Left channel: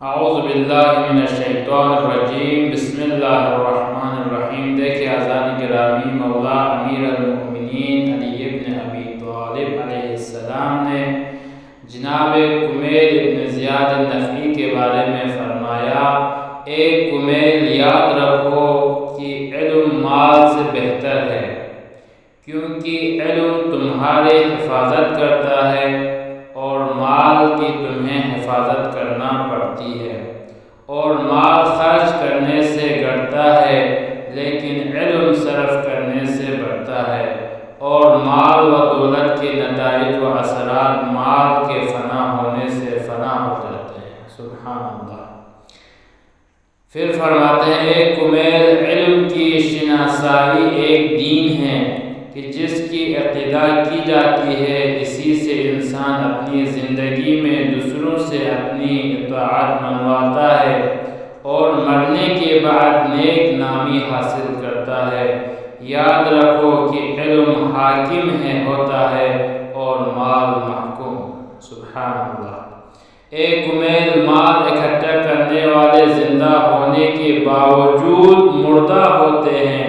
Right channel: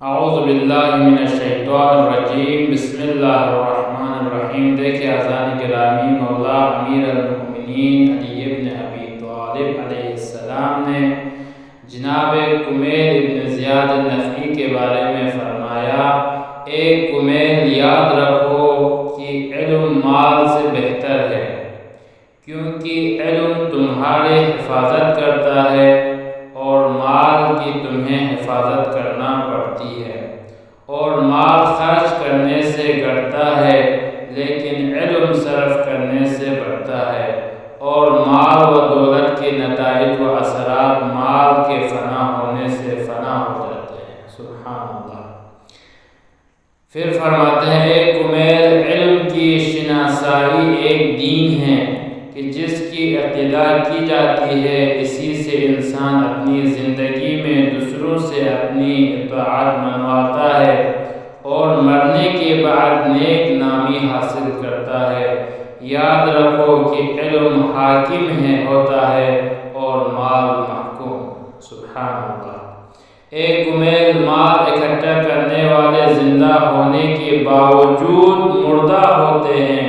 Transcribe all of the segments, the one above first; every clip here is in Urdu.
اعوذ باللہ من الشیطان الرجیم، بسم اللہ الرحمن الرحیم۔ دیکھیں اذان گرامی، مولا امیر المؤمنین علی ابن ابی طالب علیہ السلام نے جناب کمیل ابن زیاد النخعی کے بارے میں فرمایا، اے کمیل یاد رکھو کہ علم مال سے بہتر ہے، کیونکہ علم تمہارے حفاظت کرتا ہے اور مال کی تمہیں حفاظت کرنا پڑتی ہے، اور مال خرچ کرنے سے گھٹتا ہے لیکن علم صرف کرنے سے بڑھتا ہے، اور مال و دولت کے نتائج و اثرات مال کے فنا ہونے سے فنا ہو جاتے ہیں۔ سبحان اللہ۔ پھر فرماتے ہیں، اے کمیل، علم کی شناسائی ایک دین ہے کہ جس کی ابتدا کی جاتی ہے، اسی سے انسان اپنی زندگی میں دوسروں سے اپنی اطاعت منواتا ہے اور مرنے کے بعد نیک نامی حاصل کرتا ہے۔ یاد رکھو کہ علم حاکم ہوتا ہے اور مال محکوم۔ سبحان اللہ۔ اے کمیل، مال اکٹھا کرنے والے زندہ ہونے کے باوجود مردہ ہوتے ہیں،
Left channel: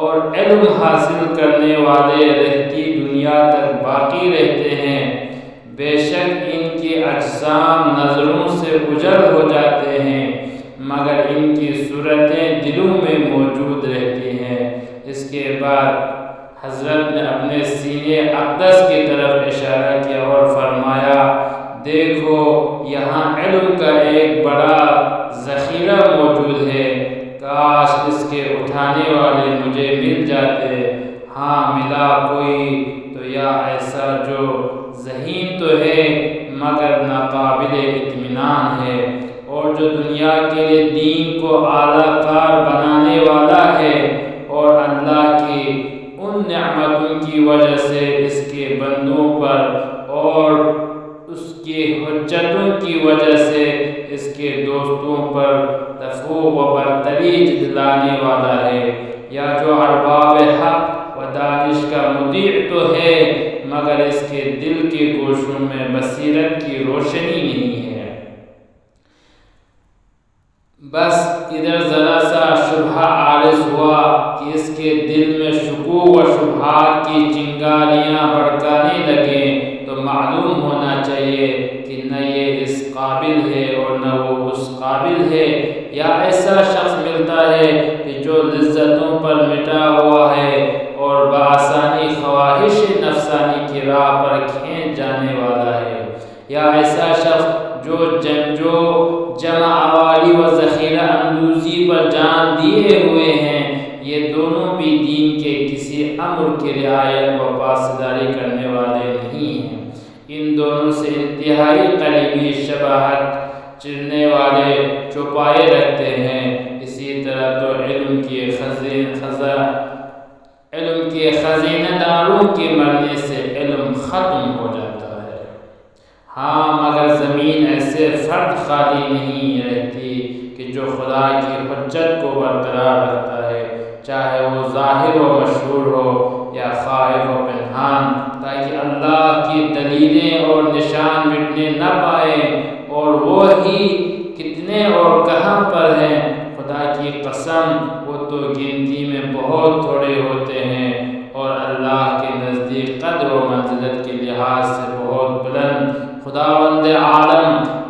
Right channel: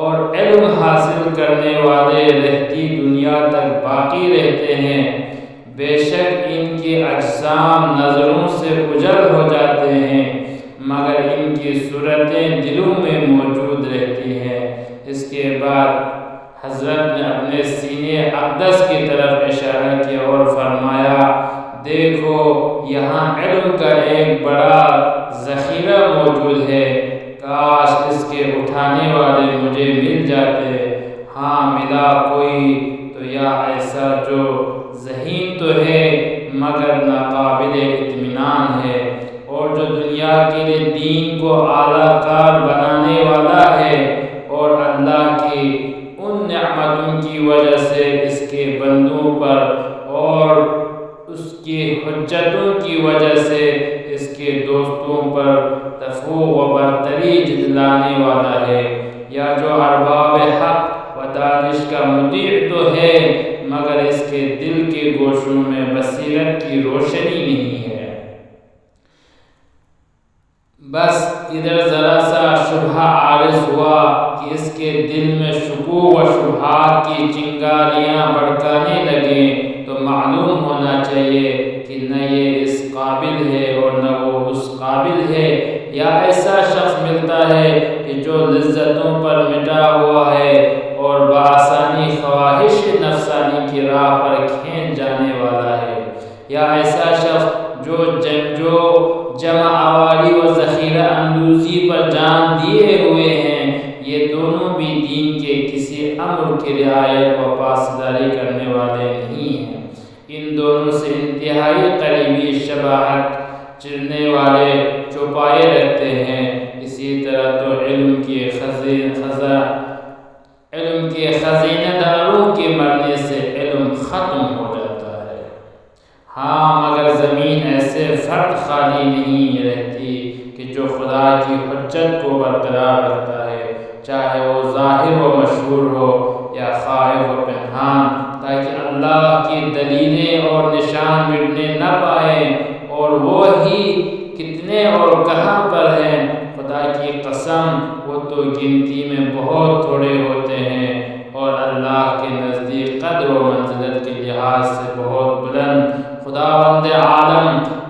اور علم حاصل کرنے والے رہتی دنیا تک باقی رہتے ہیں۔ بے شک ان کے اجسام نظروں سے اجل ہو جاتے ہیں، مگر ان کی صورتیں دلوں میں موجود رہتی ہیں۔ اس کے بعد حضرت نے اپنے سینے اقدس کی طرف اشارہ کیا اور فرمایا، دیکھو یہاں علم کا ایک بڑا ذخیرہ موجود ہے، کاش اس کے اٹھانے والے مجھے مل جاتے۔ ہاں ملا کوئی تو یا ایسا جو ذہین تو ہے مگر ناقابل اطمینان ہے، اور جو دنیا کے لیے دین کو اعلیٰ کار بنانے والا ہے، اور اللہ کی ان نعمتوں کی وجہ سے اس کے بندوں پر اور اس کی حجتوں کی وجہ سے اس کے دوستوں پر تفوق و برتری جتلانے والا ہے، یا جو ارباب حق و دانش کا مطیع تو ہے مگر اس کے دل کے گوشوں میں بصیرت کی روشنی نہیں ہے۔ بس ادھر ذرا سا شبہ عارض ہوا کہ اس کے دل میں شکوک و شبہات کی چنگاریاں بھڑکانے لگیں، تو معلوم ہونا چاہیے کہ نہ یہ اس قابل ہے اور نہ وہ اس قابل ہے، یا ایسا شخص ملتا ہے کہ جو لذتوں پر مٹا ہوا ہے اور بآسانی خواہش نفسانی کی راہ پر کھینچ جانے والا ہے، یا ایسا شخص جو جمع آوری و ذخیرہ اندوزی پر جان دیے ہوئے ہیں۔ یہ دونوں بھی دین کے کسی امر کی رعایت و پاسداری کرنے والے نہیں ہیں۔ ان دونوں سے انتہائی قریبی شباہت چرنے والے چوپائے رکھتے ہیں۔ اسی طرح تو علم کے خزینہ داروں کے مرنے سے علم ختم ہو جاتا ہے۔ ہاں مگر زمین ایسے فرد خالی نہیں رہتی کہ جو خدا کی حجت کو برقرار رکھتا ہے، چاہے وہ ظاہر و مشہور ہو یا خائف و پنہان، تاکہ اللہ کی دلیلیں اور نشان مٹنے نہ پائیں، اور وہ ہی کتنے اور کہاں پر ہیں۔ خدا کی قسم، وہ تو گنتی میں بہت تھوڑے ہوتے ہیں، اور اللہ کے نزدیک قدر و منزلت کے لحاظ سے بہت بلند۔ خداوند عالم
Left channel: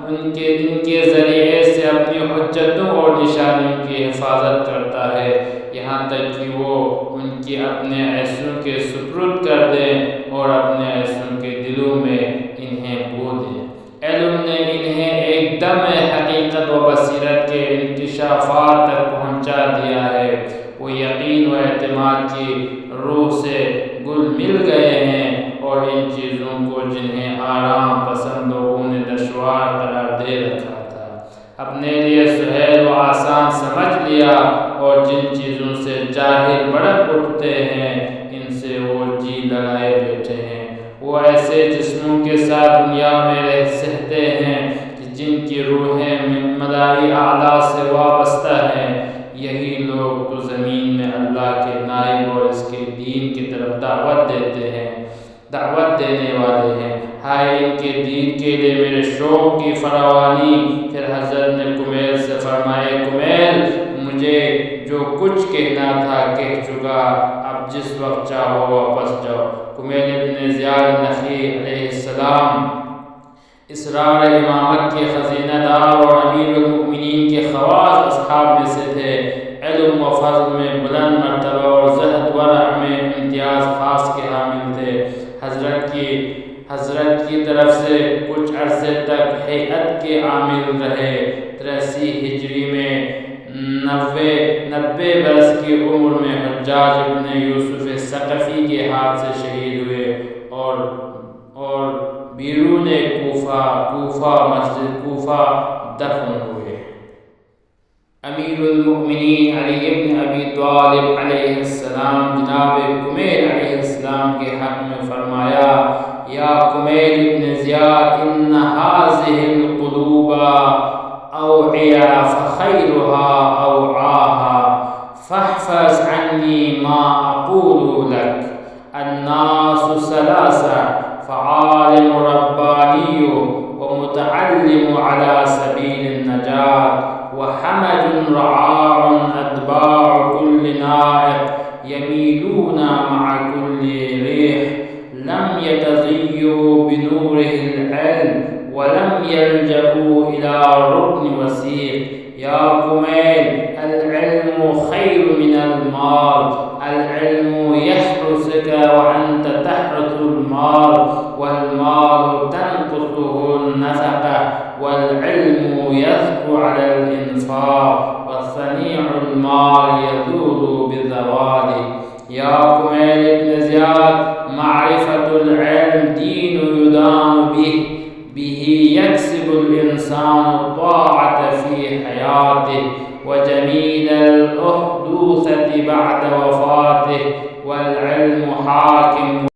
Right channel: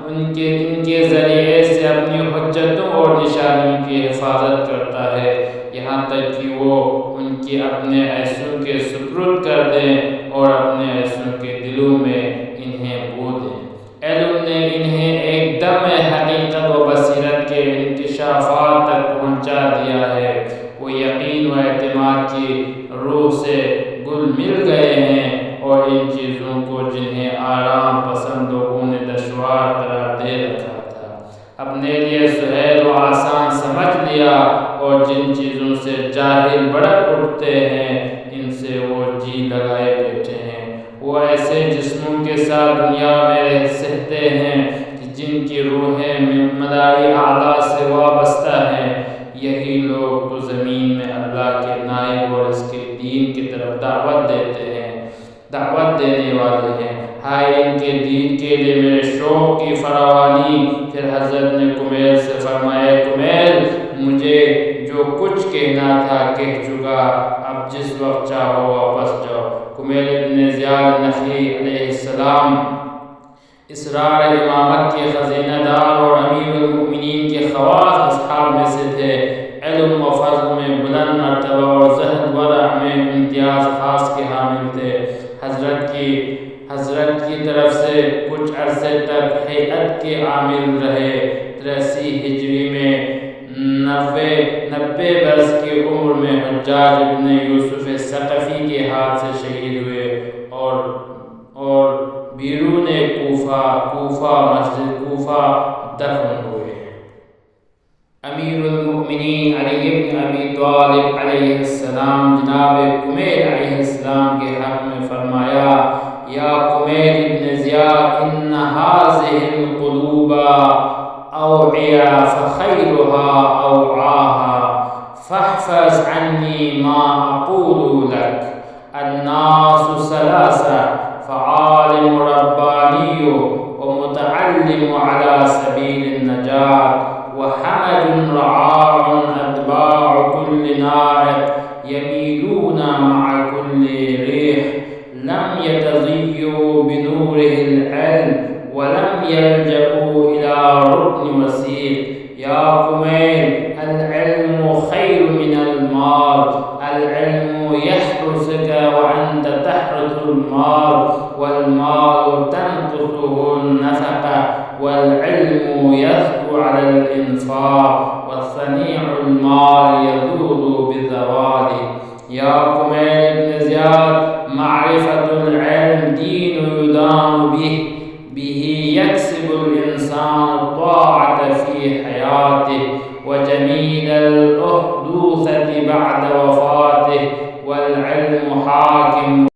ان کے ذریعے سے اپنی حجتوں اور نشانیوں کی حفاظت کرتا ہے، یہاں تک کہ وہ ان کی اپنے عیسوں کے سپرد کر دیں اور اپنے عیسوں کے دلوں میں انہیں بو دیں۔ علم نے انہیں ایک دم حقیقت و بصیرت کے انکشافات تک پہنچا دیا ہے۔ وہ یقین و اعتماد کی روح سے گل مل گئے ہیں، اور ان چیزوں کو جنہیں آرام پسند لوگوں نے دشوار قرار دے رکھا تھا، اپنے لیے سہل و آسان سمجھ لیا، اور جن چیزوں سے جاہل بھڑک اٹھتے ہیں ان سے وہ جی لگائے بیٹھے ہیں۔ وہ ایسے جسموں کے ساتھ دنیا میں سہتے ہیں کہ جن کی روحیں ملائی اعلیٰ سے وابستہ ہیں۔ یہی لوگ تو زمین میں اللہ کے نائب اور اس کے دین کی طرف دعوت دیتے ہیں۔ دعوت دینے والے ہیں۔ ہائے ان کے دین کے لیے میرے شوق کی فراوانی۔ پھر حضرت نے کمیل سے فرمایا کمیل مجھے جو کچھ کہنا تھا کہہ چکا، اب جس وقت چاہو واپس جاؤ۔ کمیل ابن زیاد نخعی علیہ السلام اسرار امامت کے خزینہ دار اور امیر المؤمنین کے خواص اصحاب میں سے تھے۔ علم و فضل میں بلند مرتبہ اور زہد ورع میں امتیاز خاص کے حامل تھے۔ حضرت کی طرف سے کچھ عرصے تک ہیئت کے عامل رہے۔ 83 ہجری میں 90 برس کی عمر میں حجاج ابن یوسف ثقفی کے ہاتھ سے شہید ہوئے اور بیرون مسجد کوفہ دفن ہوئے۔ امیر المؤمنین علی ابن ابی طالب علیہ السلام جناب کمیل علیہ السلام کے حق میں فرمایا یا کمیل ابن زیاد ان هذه القلوب اوعیہ فخیرها اوعاها فاحفظ عنی ما اقول لك الناس ثلاثہ فعالم ربانی ومتعلم على سبیل النجاة وحمج رعاع اتباع كل نائق يميلون مع كل ريح لم يتزيوا بنوره العلم ولم يلجأوا إلى ركن وثيق يا كميل العلم خير من المال العلم يحرسك وأنت تحرس المال والمال تنقصه النفقة والعلم يثبو على الإنفاق والصنيع المال يذول بزواله يا كميل ابن زياد معرفة العلم دين يدان به يكسب الإنسان الطاعة في حياته وجميل الأحدوثة بعد وفاته والعلم حاكم